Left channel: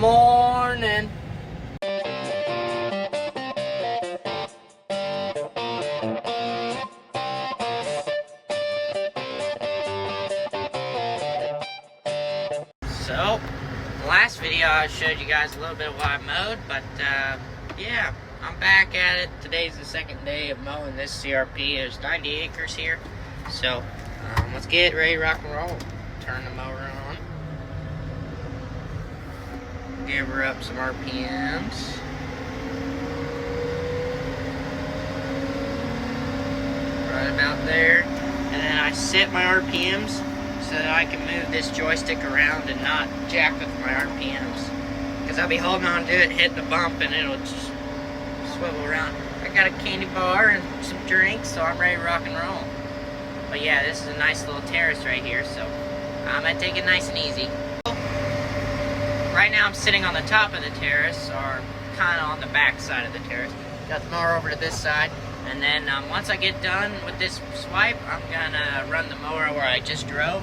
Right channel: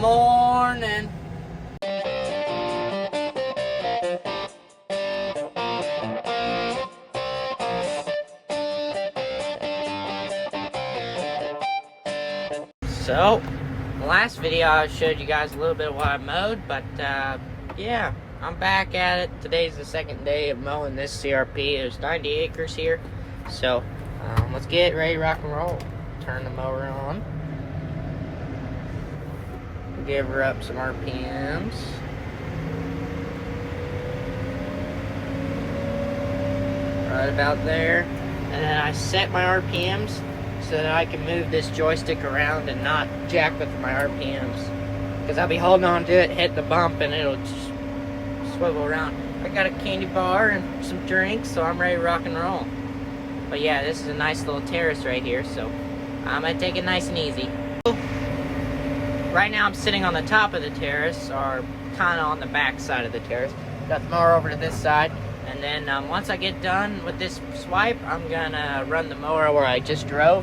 morning. So, in the last video I showed you guys a little bit of what I mowed, but yeah, I'm back at it. Today's the second day of mowing this CRP. There's 90 acres here, so let's get ready to rock and roll. Turn the mower on. Give her up some RPMs. Right about there. And then I set my RPMs so that I can move this joystick around and not jack with my RPMs. Because I'll be holding on to it, hit the bump, and it'll just swivel around. I got a candy bar and some drinks, so I'm ready to rock and roll. But yeah, this is a nice little terrace right here, so I'm gonna take it nice and easy. Right now I'm sitting on the top of the terrace, or kind of on the back side of the terrace. Got the mower over to this side, and then once I get done with this swipe, I'm gonna run the mower where I just drove.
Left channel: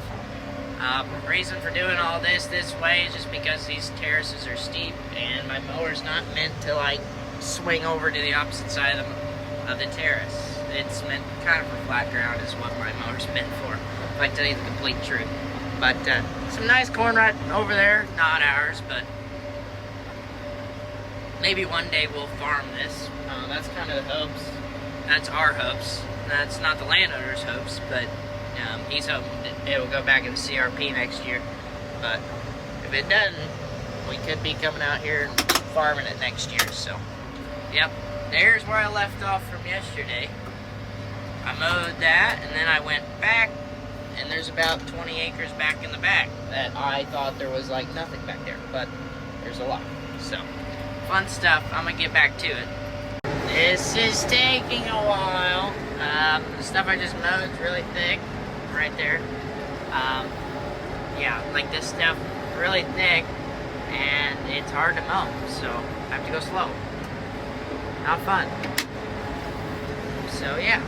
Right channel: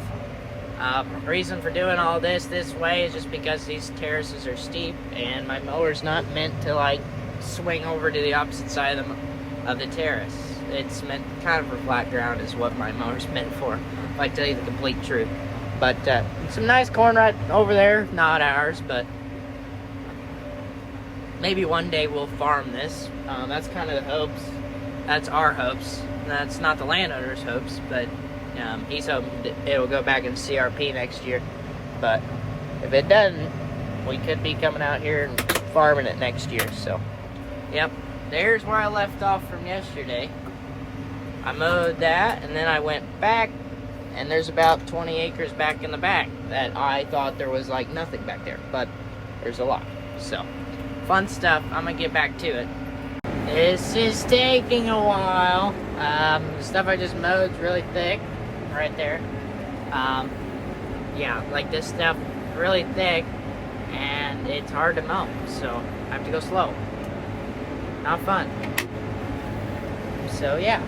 Reason for doing all this way is just because these terraces are steep, and my mower's not meant to like swing over to the opposite side of the terrace. It's meant kind of for flat ground is what my mower's meant for, if I tell you the complete truth. But some nice corn right over there, not ours, but maybe one day we'll farm this. That's kind of the hopes. That's our hopes. That's not the landowner's hopes, but he's hoping that it will go back in the CRP next year. But if it doesn't, we could be coming out here and farming it next year. So, yep, there's where I left off from yesterday. I mowed that, and then I went back. And there's about 20 acres back in the back that I thought there was like nothing back there, but there's a lot. So, fun stuff. I'm gonna get back to it. This is taking a while. The stuff I just mowed is really thick, right there. Yeah, like this stuff, really thick, and it's hard to mow, so I have to go slow. Not fun. So yeah,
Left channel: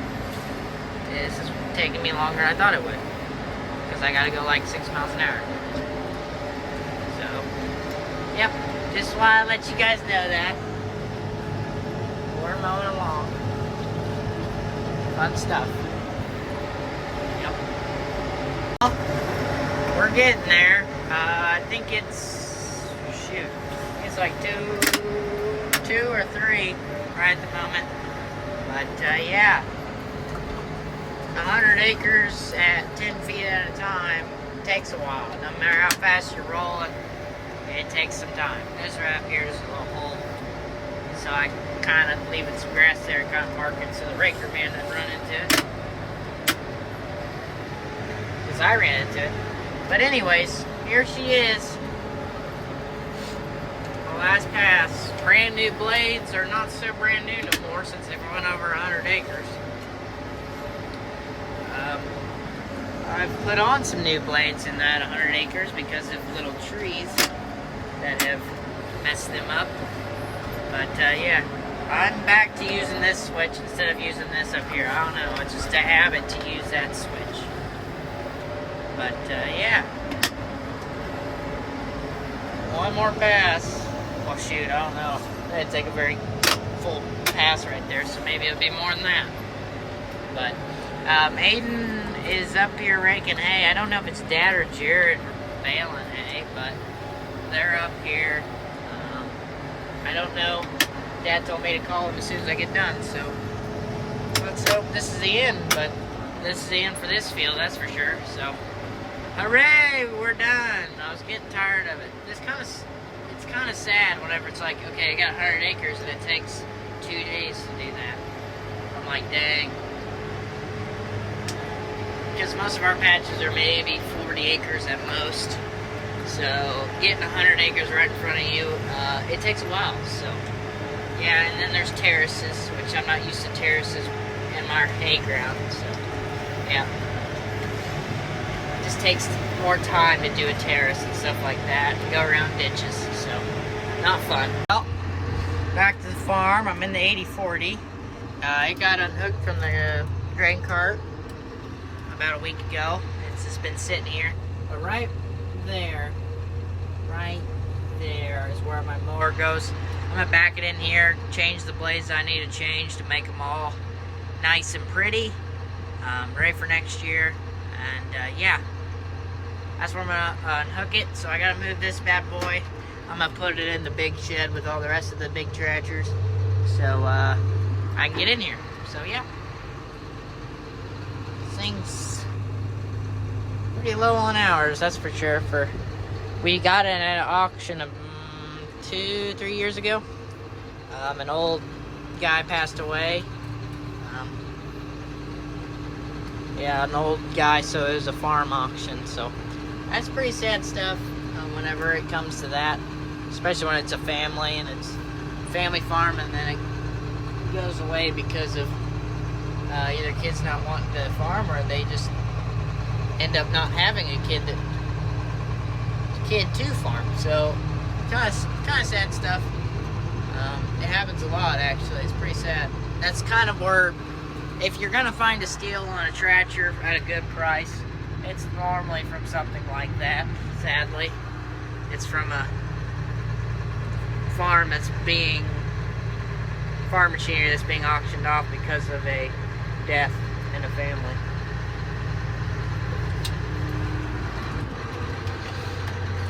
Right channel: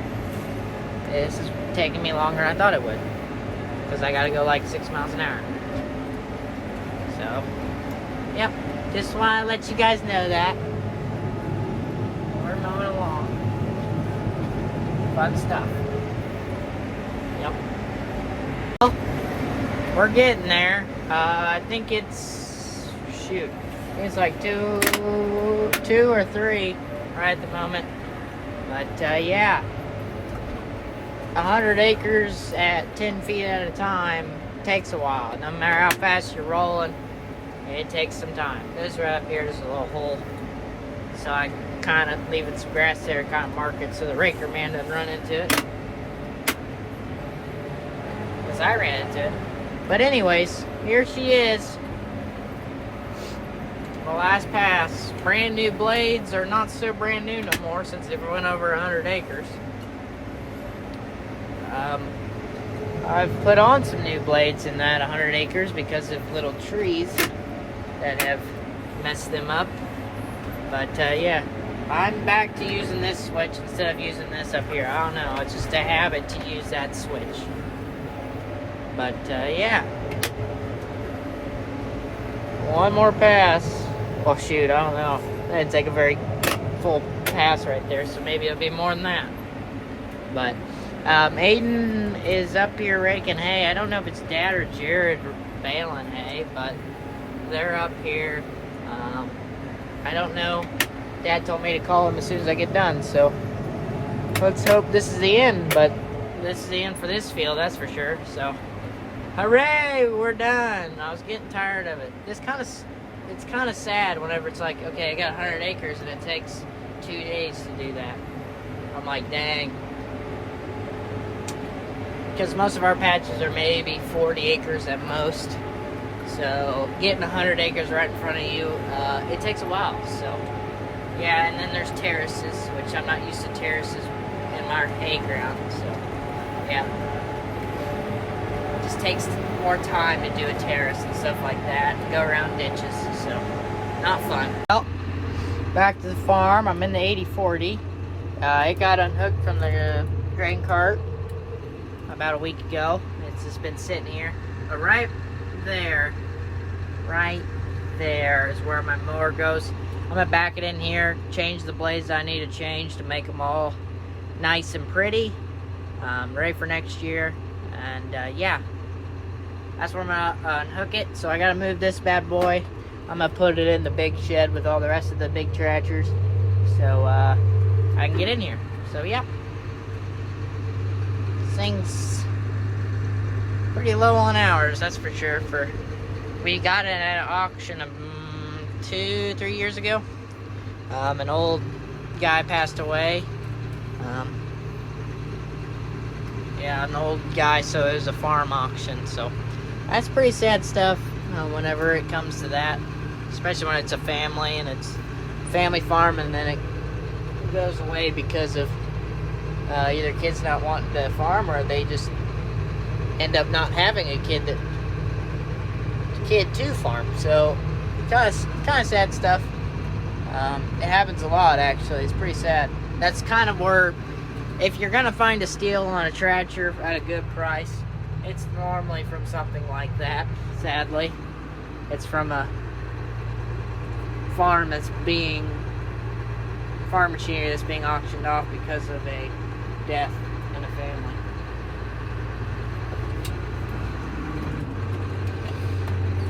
this is taking me longer than I thought it would, because I gotta go like 6 miles an hour. So, yep, just wanna let you guys know that. We're mowing along. Fun stuff. Yep. Well, we're getting there. I think it's, shoot, it's like two or three right at the moment. But yeah. 100 acres at 10 feet at a time takes a while. No matter how fast you're rolling, it takes some time. This right up here is a little hole, so I kind of leave it some grass there, kind of mark it so the raker man doesn't run into it, because I ran into it. But anyways, here she is, the last pass. Brand new blades are not so brand new no more since they went over 100 acres. I've put on some new blades in that 100 acres because of little trees that have messed them up. But yeah, I'm back to using this switch instead of using this up here. I don't know, it's just a habit to use that switch. But yeah, one more pass. Well, shoot, I don't know. I didn't take a very full pass right there, so maybe it'll be more than that. But Aden is up here raking hay. I don't know if it's Dad or Jared baling hay, but they're up here. I don't know. Dad told me to call him as soon as I get done, so let's hope this is the end. But this is the end for this field, that's for sure. So, hooray, we're done. I was getting tired of it. It's kind of sad whenever it's like, okay, I got 100 acres and it takes 2 days to do that. I'm like, dang. Because most of our patches are maybe 40 acres at most. So getting 100 acres right in front of you, it takes a while. So yeah, and then there's terraces, which I'm not used to terraces in my hay ground. So yeah, it just takes more time to do a terrace and stuff like that, and go around ditches. So not fun. Well, back to the farm. I'm in the 8040. It got unhooked from the grain cart about a week ago. It's just been sitting here. But right there is where my mower goes. I'm gonna back it in here, change the blades I need to change to make them all nice and pretty, ready for next year. And yeah, that's where I'm gonna unhook it. So I gotta move this bad boy. I'm gonna put it in the big shed with all the rest of the big tractors, so I can get in here. So yeah, things pretty low on hours, that's for sure. We got it at an auction of 2-3 years ago. An old guy passed away. Yeah, an old guy, so it was a farm auction. So that's pretty sad stuff whenever it comes to that, especially when it's a family and it's a family farm, and then it goes away because of either kids not wanting to farm, or they just end up not having a kid to farm. So kind of sad stuff. It happens a lot, actually. It's pretty sad. That's kind of where, if you're gonna find a steal on a tractor at a good price, it's normally from something like that. Sadly, it's from a farm farm machinery that's being auctioned off because of a death in a family.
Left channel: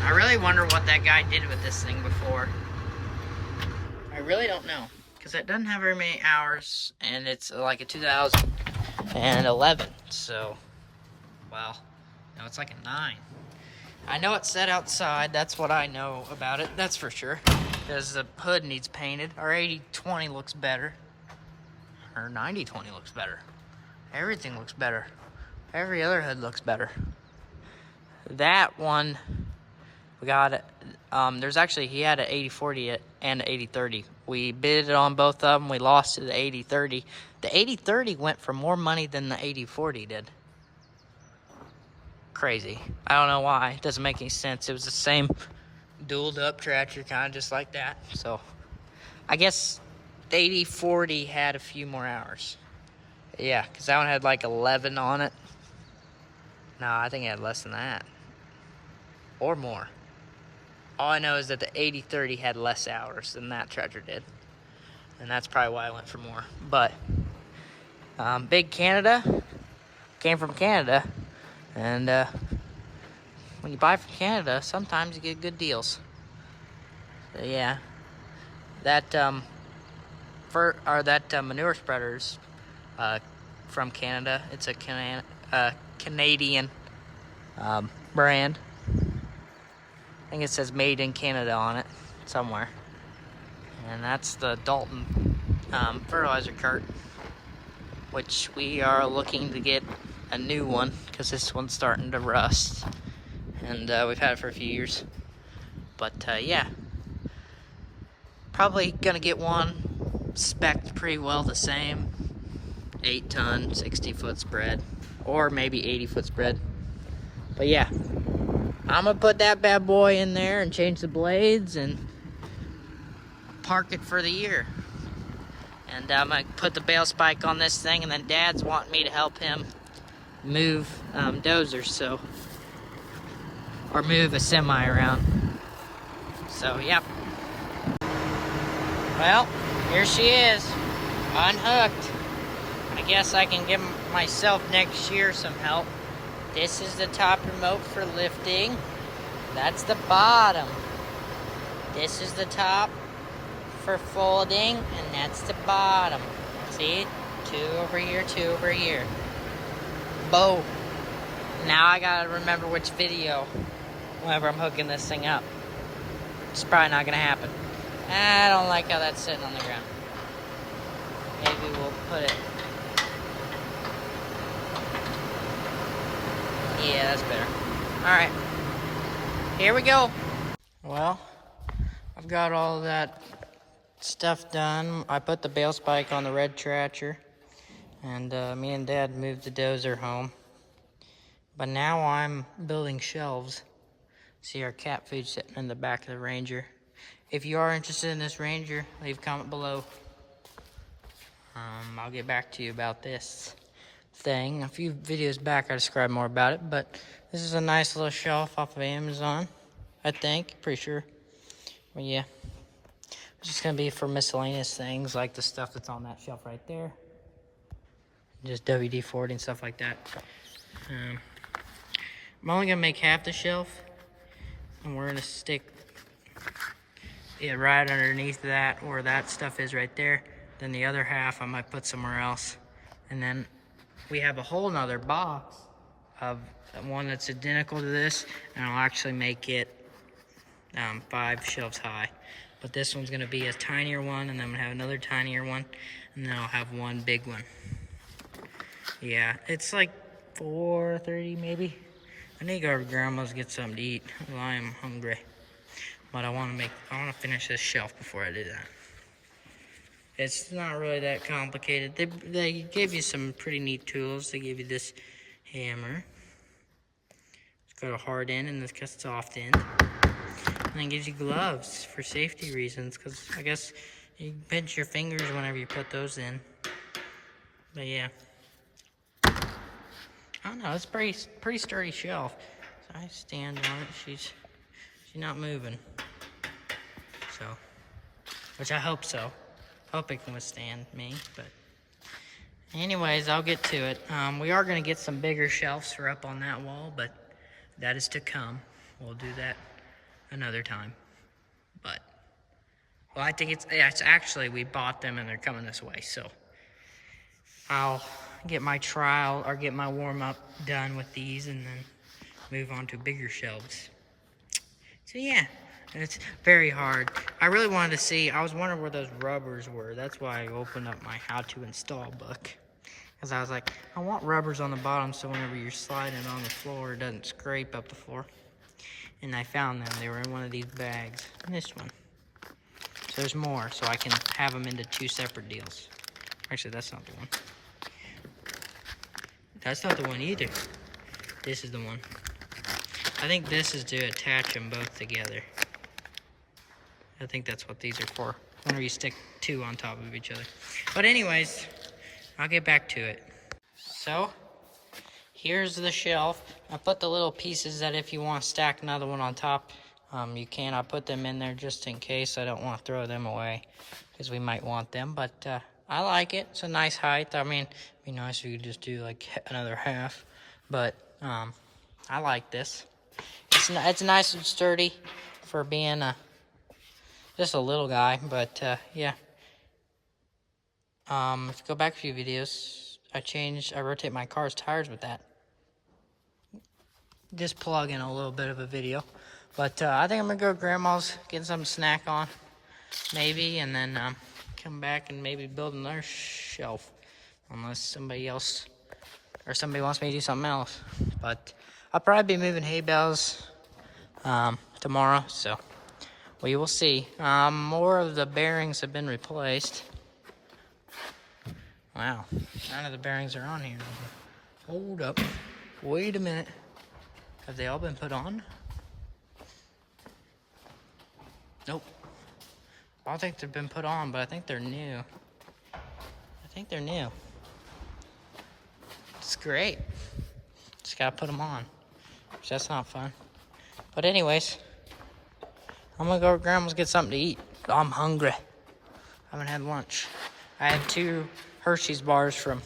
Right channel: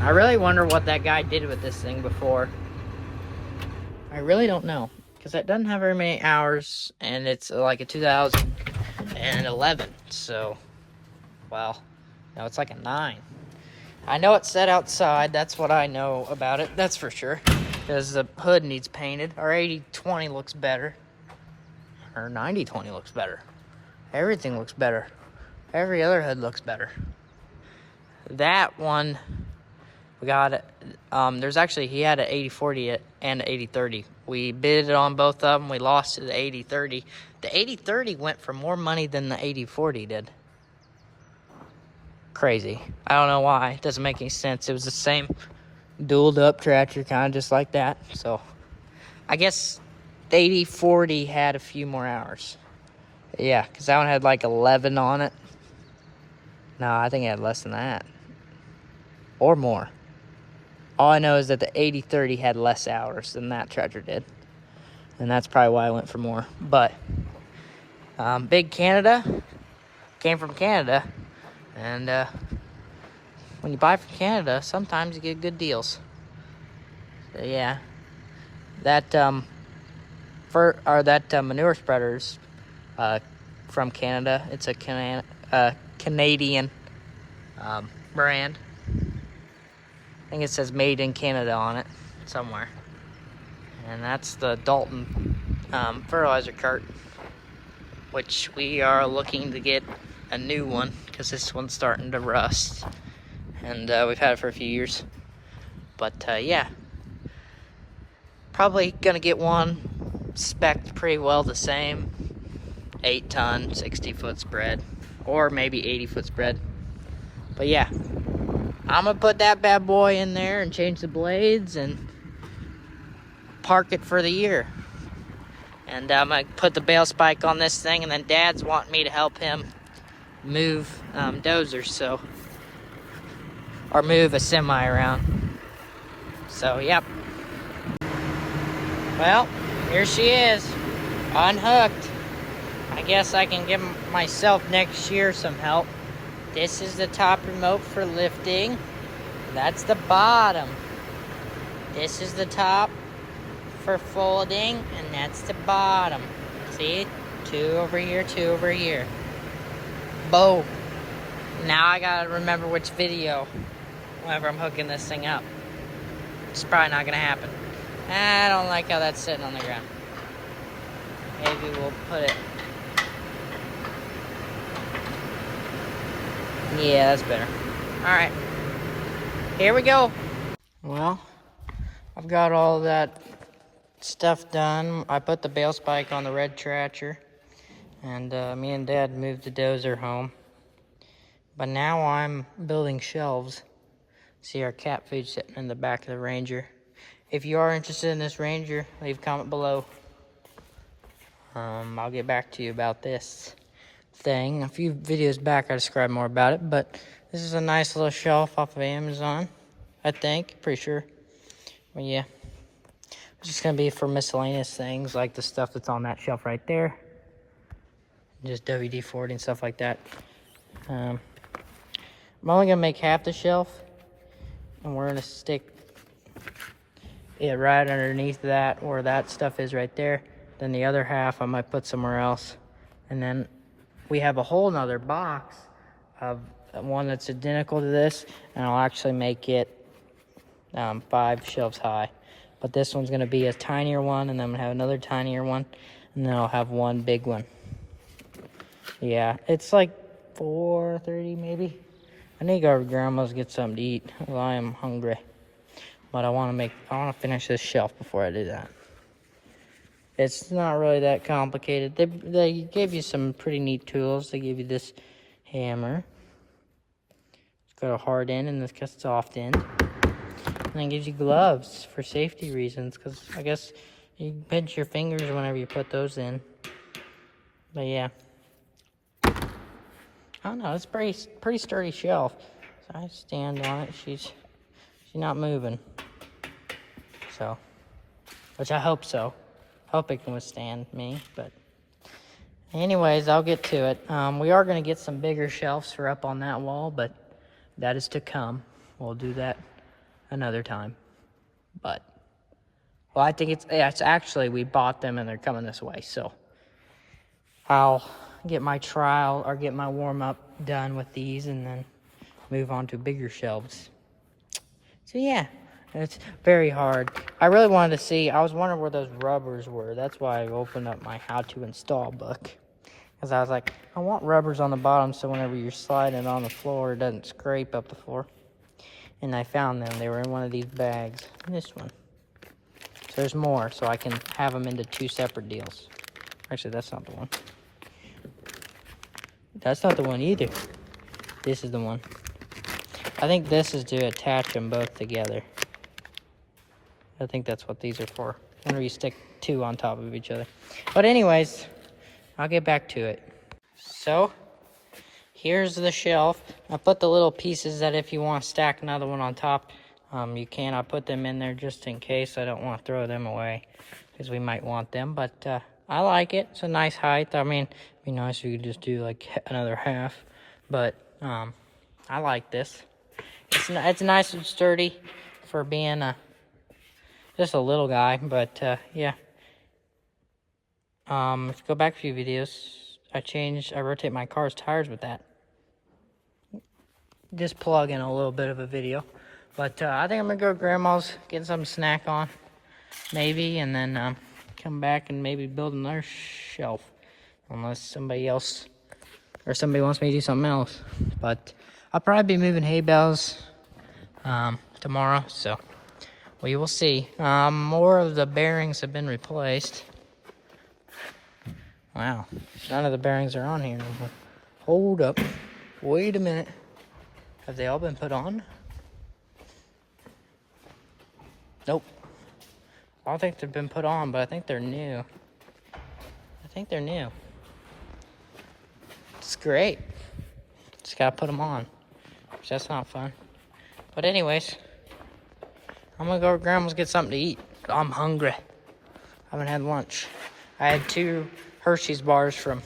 I really wonder what that guy did with this thing before. I really don't know, because it doesn't have very many hours, and it's like a 2011. So, well, no, it's like a 9. I know it's set outside. That's what I know about it. That's for sure. Because the hood needs painted. Our 80/20 looks better. Our 90/20 looks better. Everything looks better. Every other hood looks better. That one, we got it. There's actually, he had an 80/40 and an 80/30. We bid it on both of them. We lost to the 80/30. The 80/30 went for more money than the 80/40 did. Crazy. I don't know why. It doesn't make any sense. It was the same dualed up tractor, kind of just like that. So I guess the 80/40 had a few more hours. Yeah, because that one had like 11 on it. No, I think it had less than that. Or more. All I know is that the 80/30 had less hours than that tractor did. And that's probably why I went for more. But Big Canada came from Canada. And when you buy from Canada, sometimes you get good deals. So yeah, that manure spreader's from Canada. It's a Canadian brand. I think it says made in Canada on it somewhere. And that's the Dalton fertilizer cart, which we are looking to get a new one because this one's starting to rust. And we've had it for a few years. But yeah, probably gonna get one spec'd pretty well the same. 8-ton, 60-foot spread, or maybe 80-foot spread. But yeah, I'm gonna put that bad boy in there and change the blades and park it for the year. And I'm gonna put the bale spike on this thing, and then Dad's wanting me to help him move dozers, or move a semi around. So yep. Well, here she is, unhooked. I guess I can give myself next year some help. This is the top remote for lifting. That's the bottom. This is the top for folding, and that's the bottom. See? 2 over here, 2 over here. Boom. Now I gotta remember which video whenever I'm hooking this thing up. It's probably not gonna happen. I don't like how that's sitting on the ground. Maybe we'll put it. Yeah, that's better. Alright. Here we go. Well, I've got all that stuff done. I put the bale spike on the red tractor. And me and Dad moved the dozer home. But now I'm building shelves. See our cat food sitting in the back of the Ranger. If you are interested in this Ranger, leave a comment below. I'll get back to you about this thing. A few videos back I described more about it, but this is a nice little shelf off of Amazon, I think, pretty sure. Well, yeah. It's just going to be for miscellaneous things like the stuff that's on that shelf right there. Just WD-40 and stuff like that. I'm only going to make half the shelf. And we're going to stick it right underneath that where that stuff is right there. Then the other half I might put somewhere else. And then we have a whole nother box of one that's identical to this. And I'll actually make it 5 shelves high. But this one's going to be a tinier one, and I'm going to have another tinier one, and then I'll have one big one. Yeah, it's like 4:30 maybe. I need to go to Grandma's to get something to eat. Well, I am hungry. But I want to finish this shelf before I do that. It's not really that complicated. They gave you some pretty neat tools. They gave you this hammer. It's got a hard end and this got a soft end. And it gives you gloves for safety reasons, because I guess you pinch your fingers whenever you put those in. But yeah, I don't know. It's pretty sturdy shelf. So I stand on it. She's not moving. So, which I hope so. Hope it can withstand me. But anyways, I'll get to it. We are going to get some bigger shelves for up on that wall, but that is to come. We'll do that another time. But well, I think it's actually, we bought them and they're coming this way, so I'll get my trial or get my warm-up done with these and then move on to bigger shelves. So yeah, it's very hard. I really wanted to see, I was wondering where those rubbers were. That's why I opened up my how to install book, because I was like, I want rubbers on the bottom so whenever you're sliding on the floor it doesn't scrape up the floor. And I found them. They were in one of these bags. And this one. So there's more, so I can have them into 2 separate deals. Actually, that's not the one. That's not the one either. This is the one. I think this is to attach them both together. I think that's what these are for. Whenever you stick 2 on top of each other. But anyways, I'll get back to it. So, here's the shelf. I put the little pieces that if you want to stack another one on top, you can. I put them in there just in case. I don't want to throw them away because we might want them. But I like it. It's a nice height. I mean, it'd be nice if you could just do like another half. But I like this. It's nice and sturdy for being just a little guy. But yeah. If you go back a few videos, I rotate my car's tires with that. Just plug in a little bit of a video. But I think I'm going to go to Grandma's, get some snack on, maybe, and then come back and maybe build another shelf. Unless somebody else, or somebody wants me to do something else. But I'll probably be moving hay bales tomorrow, so we will see. More of the bearings have been replaced. Wow, none of the bearings are on here anymore. Hold up, wait a minute. Have they all been put on? Nope. I don't think they've been put on, but I think they're new. I think they're new. It's great. Just gotta put them on. That's not fun. But anyways, I'm gonna go to Grandma's get something to eat. I'm hungry. I haven't had lunch. I had 2 Hershey's bars from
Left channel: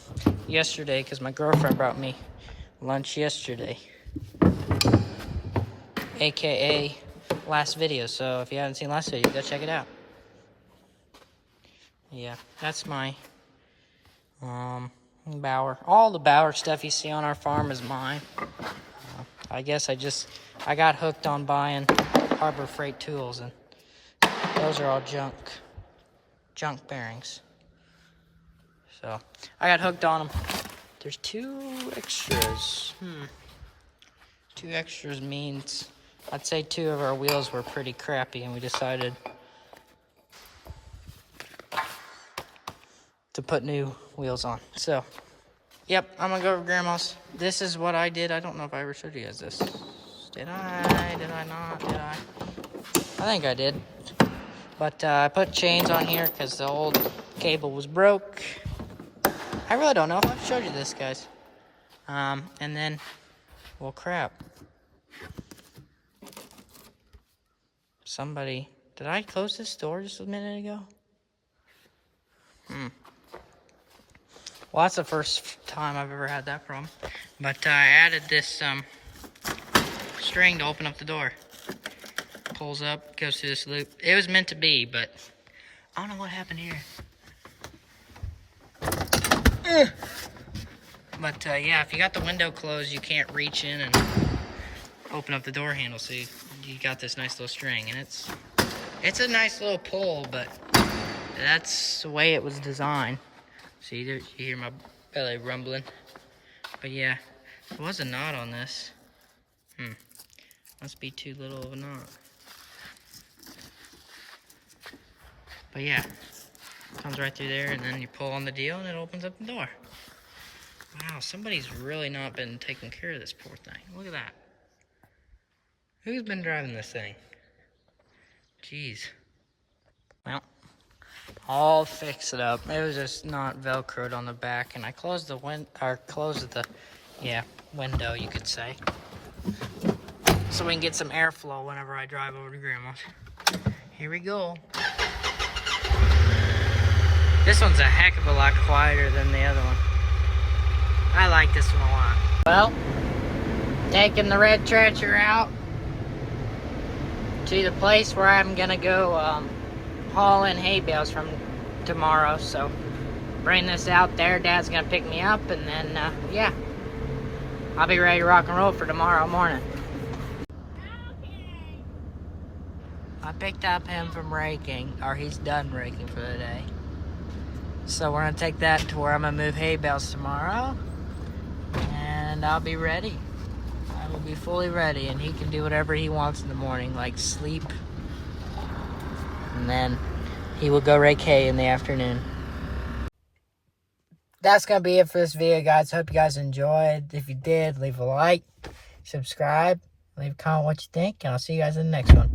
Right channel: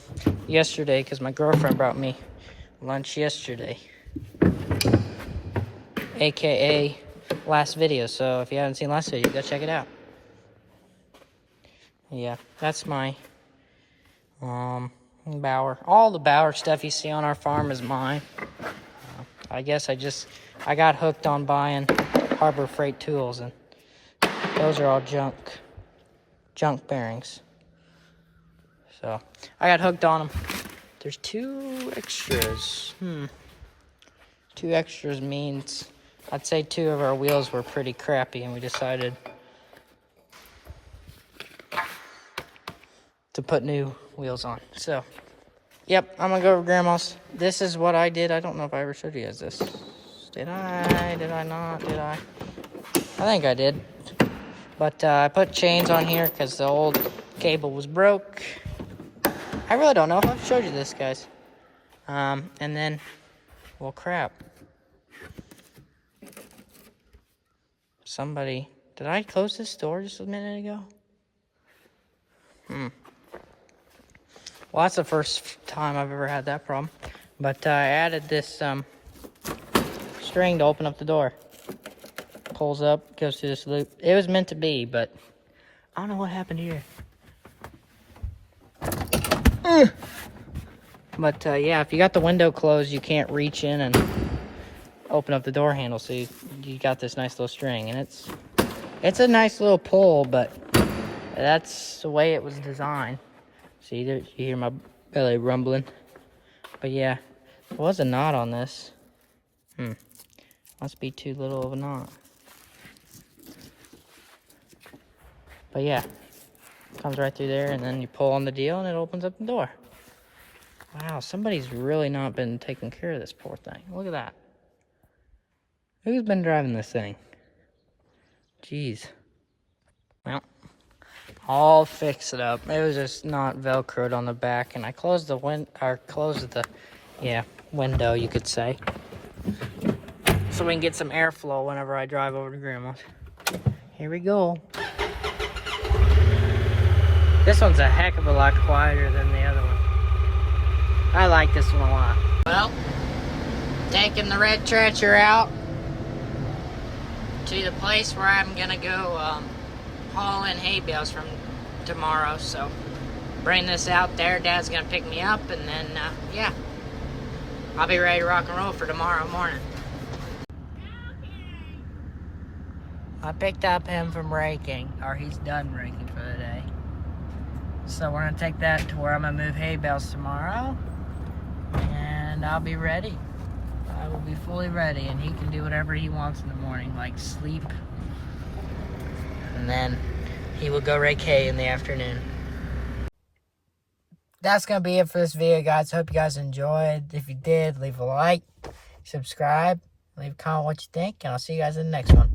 yesterday because my girlfriend brought me lunch yesterday. AKA last video. So if you haven't seen last video, go check it out. Yeah, that's my Bauer. All the Bauer stuff you see on our farm is mine. I guess I got hooked on buying Harbor Freight tools, and those are all junk bearings. So I got hooked on them. There's 2 extras. 2 extras means I'd say 2 of our wheels were pretty crappy, and we decided to put new wheels on. So, yep, I'm gonna go to Grandma's. This is what I did. I don't know if I ever showed you guys this. Did I? Did I not? Did I? I think I did. But I put chains on here because the old cable was broke. I really don't know if I've showed you this, guys. And then, well, crap. Somebody Did I close this door just a minute ago? Well, that's the first time I've ever had that problem. But I added this string to open up the door. Pulls up, goes through this loop. It was meant to be, but I don't know what happened here. But yeah, if you got the window closed, you can't reach in and open up the door handle. So you got this nice little string, and it's a nice little pull, but that's the way it was designed. See, you hear my belly rumbling. But yeah, there was a knot on this. Must be too little of a knot. But yeah, comes right through there, and then you pull on the deal, and it opens up the door. Wow, somebody's really not been taking care of this poor thing. Look at that. Who's been driving this thing? Jeez. Well, I'll fix it up. It was just not Velcroed on the back, and I closed the window, you could say, so we can get some airflow whenever I drive over to Grandma's. Here we go. This one's a heck of a lot quieter than the other one. I like this one a lot. Well, taking the red stretcher out to the place where I'm gonna go haul in hay bales from tomorrow. So bring this out there. Dad's gonna pick me up, and then yeah, I'll be ready to rock and roll for tomorrow morning. I picked up him from raking, or he's done raking for the day. So we're gonna take that to where I'm gonna move hay bales tomorrow, and I'll be ready. I will be fully ready, and he can do whatever he wants in the morning, like sleep, and then he will go rake hay in the afternoon. That's gonna be it for this video, guys. Hope you guys enjoyed. If you did, leave a like, subscribe, leave a comment what you think, and I'll see you guys in the next one.